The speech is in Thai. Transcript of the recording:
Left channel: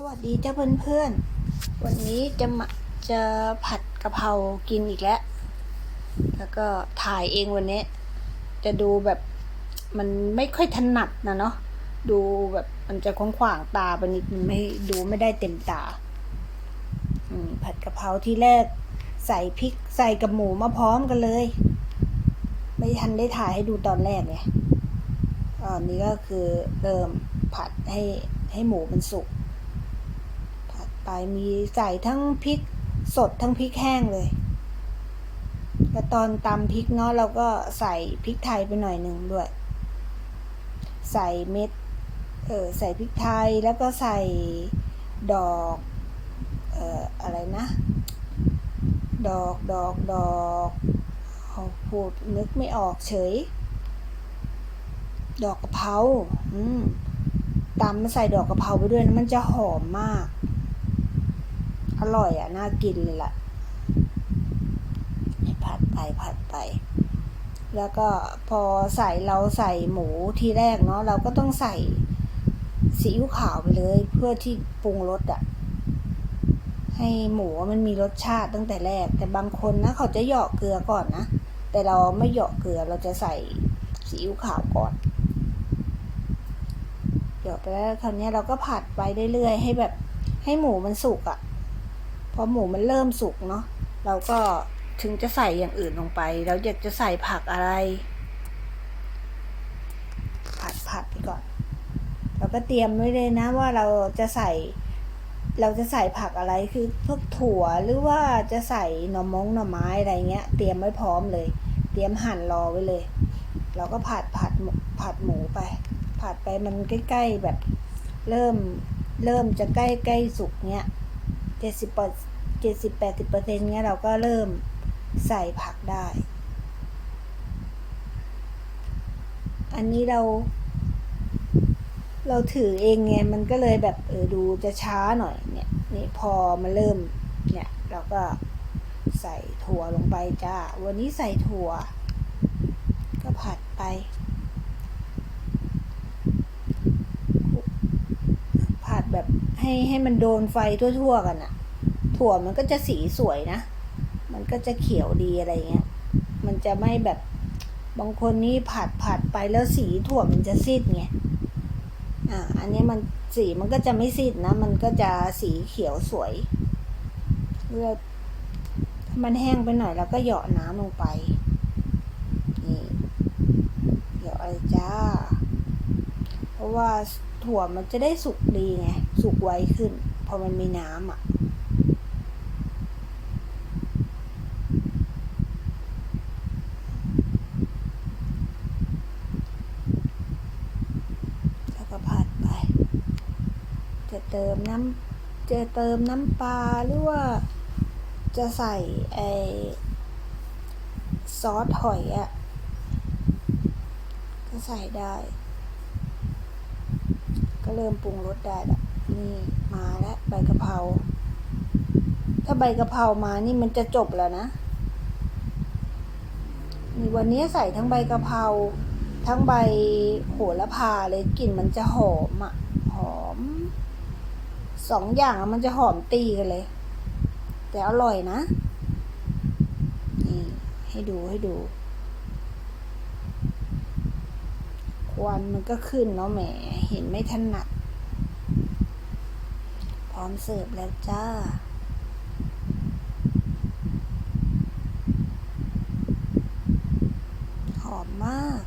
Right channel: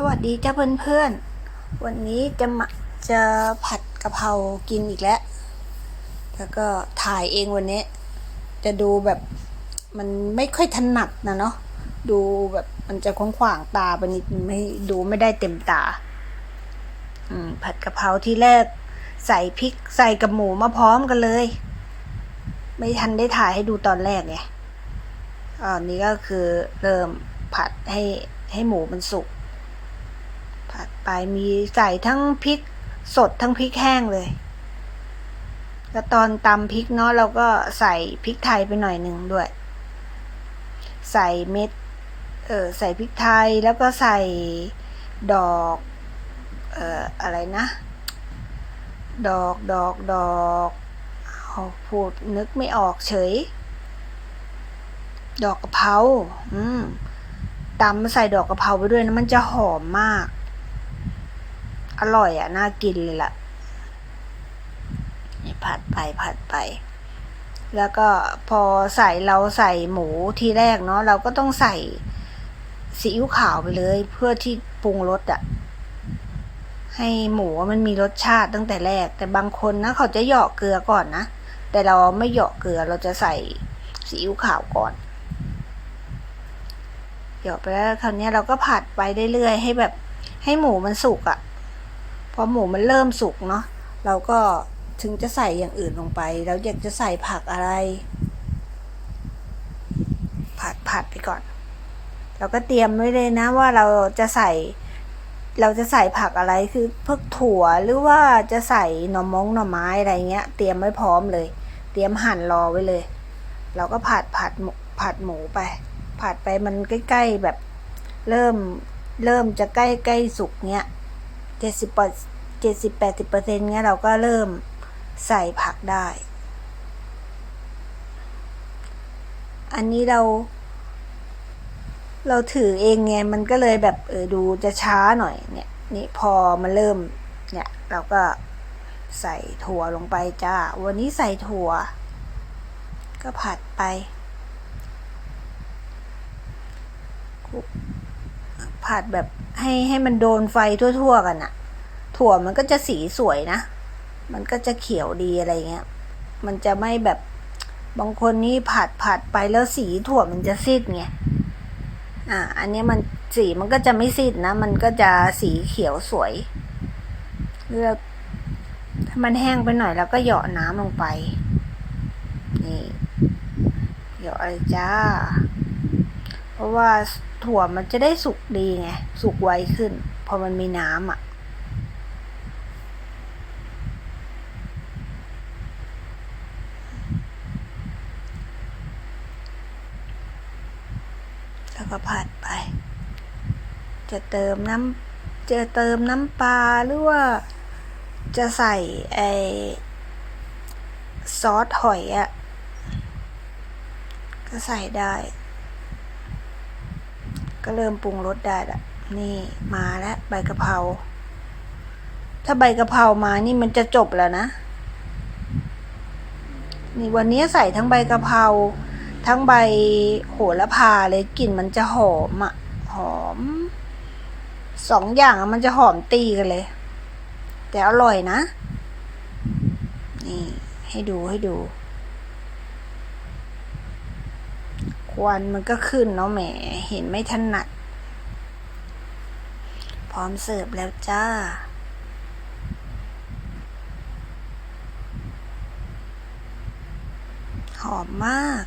สวัสดีจ้าเพื่อนๆ วันนี้จะมาจะผัดกะเพรากินอีกแล้ว แล้วก็ถ่ายเองวันนี้ จะดูแบบมันไม่ค่อยถนัดนะเนาะ ดูแบบมันจะขวางๆตาไปนิดไม่ดูไม่ได้เต็มตา อืม ผัดกะเพราที่แรก ใส่พริกใส่กับหมูมาพร้อมกันเลย ไม่ทันได้ถ่ายให้ดูตอนแรกไงอันนี้ก็คือเริ่มผัดให้ให้หมูมันสุก ไปมีใส่ทั้งพริกสดทั้งพริกแห้งเลยแล้วตอนตำพริกเนาะเราก็ใส่พริกไทยไปหน่อยหนึ่งด้วย ใส่เม็ดเออใส่พริกไทยแล้วก็ใส่ดอกเอ่ออะไรนะ ดอกดอกดอกเอาพูดนึกไม่ออกเฉย ดอกกะเพราอืมตำมาใส่ดอกกะเพราไปด้วยนะมันจะหอมมาก อร่อยอะ น่ากินเลยล่ะผัดไปผัดไป แล้วก็พอใส่เราใส่หมูทีแรกเนาะเราก็ต้องใส่ซีอิ๊วขาวไปเลย เพื่อที่ปรุงรสอะ ให้หมูมันมีรสชาติตั้งแต่แรก แต่บางคนนะเขาจะหยาะเกลือก่อนนะ แต่เราไม่หยาะเกลือเราจะใส่ซีอิ๊วขาวก่อนหยาะไปแล้วคราวนี้เราก็ผัดไปเรื่อยๆให้แบบให้หมูมันสุกอะ่ะ พอหมูมันเริ่มสุกเนาะเราก็ถึงจะใส่อย่างอื่นลงไป เราอยากจะใส่ผักอะไร ผัดผัดไปก่อน เราก็เตรียมไว้เลยนะว่าเราจะใส่ เราจะใส่ผักอะไรคือพวกถั่วหรือว่าจะใส่หน่อมงหน่อไม้อะไรเงี้ย เตรียมไว้พร้อมเลย เตรียมหั่นรอไว้เลย เราก็ผัดผัดผัดหมูไป ผัดไปมันใกล้ๆแบบเริ่มเริ่มจะใกล้ใกล้สุกเนี้ย เจ็ดสิบเจ็ดสิบแปดสิบเปอร์เซ็นต์เนี้ยเราก็เริ่มใส่ผักได้ อันนี้เรา เราถือเองไงมันก็เลยแบบเออดูจะช้าหน่อยเนี่ยนี่พอมันเริ่มเนี่ยเราก็ใส่ถั่วลงไปจ้า วันนี้ใส่ถั่ว ก็ผัดไป ผัดแบบให้ให้มันโดนไฟทั่วๆกันอะถั่วมันก็จะสีสวยนะ มันก็จะเขียวดีอะไรเงี้ย มันจะไม่แบบบางคนนี่ผัดผัดไปแล้วสีถั่วมันจะซีดไง อ่า อันนี้มันสีมันก็จะไม่ซีดนะ มันก็จะสีเขียวสวยเลือกถ้ามันแห้งไปหน่อยแล้วก็เหยาะน้ำลงไป นี่เหยาะเลยจ้า เพราะว่า ถั่วมันจะได้สุกดีไง สุกไวขึ้น พอมันมีน้ำอะ แล้วก็ผัดไป จะเติมน้ำจะเติมน้ำปลาหรือว่าจะใส่ไอซอสหอยอะ่ะ ก็ใส่ได้ ก็เริ่มปรุงรสได้ละนี่มาแล้วใบกะเพราถ้าใบกะเพรามานี่มันจะจบแล้วนะ นี่วันนี้ใส่ทั้งใบกะเพราทั้งใบโหระพาเลยกลิ่นมันจะหอมอะหอมสองอย่างมันจะหอมตีกันเลย แต่อร่อยนะ นี่ให้ดูให้ดู ค วันมันก็ขึ้นเนาะแหม เห็นไม่ถนัด พร้อมเสิร์ฟแล้วจ้า หอมมาก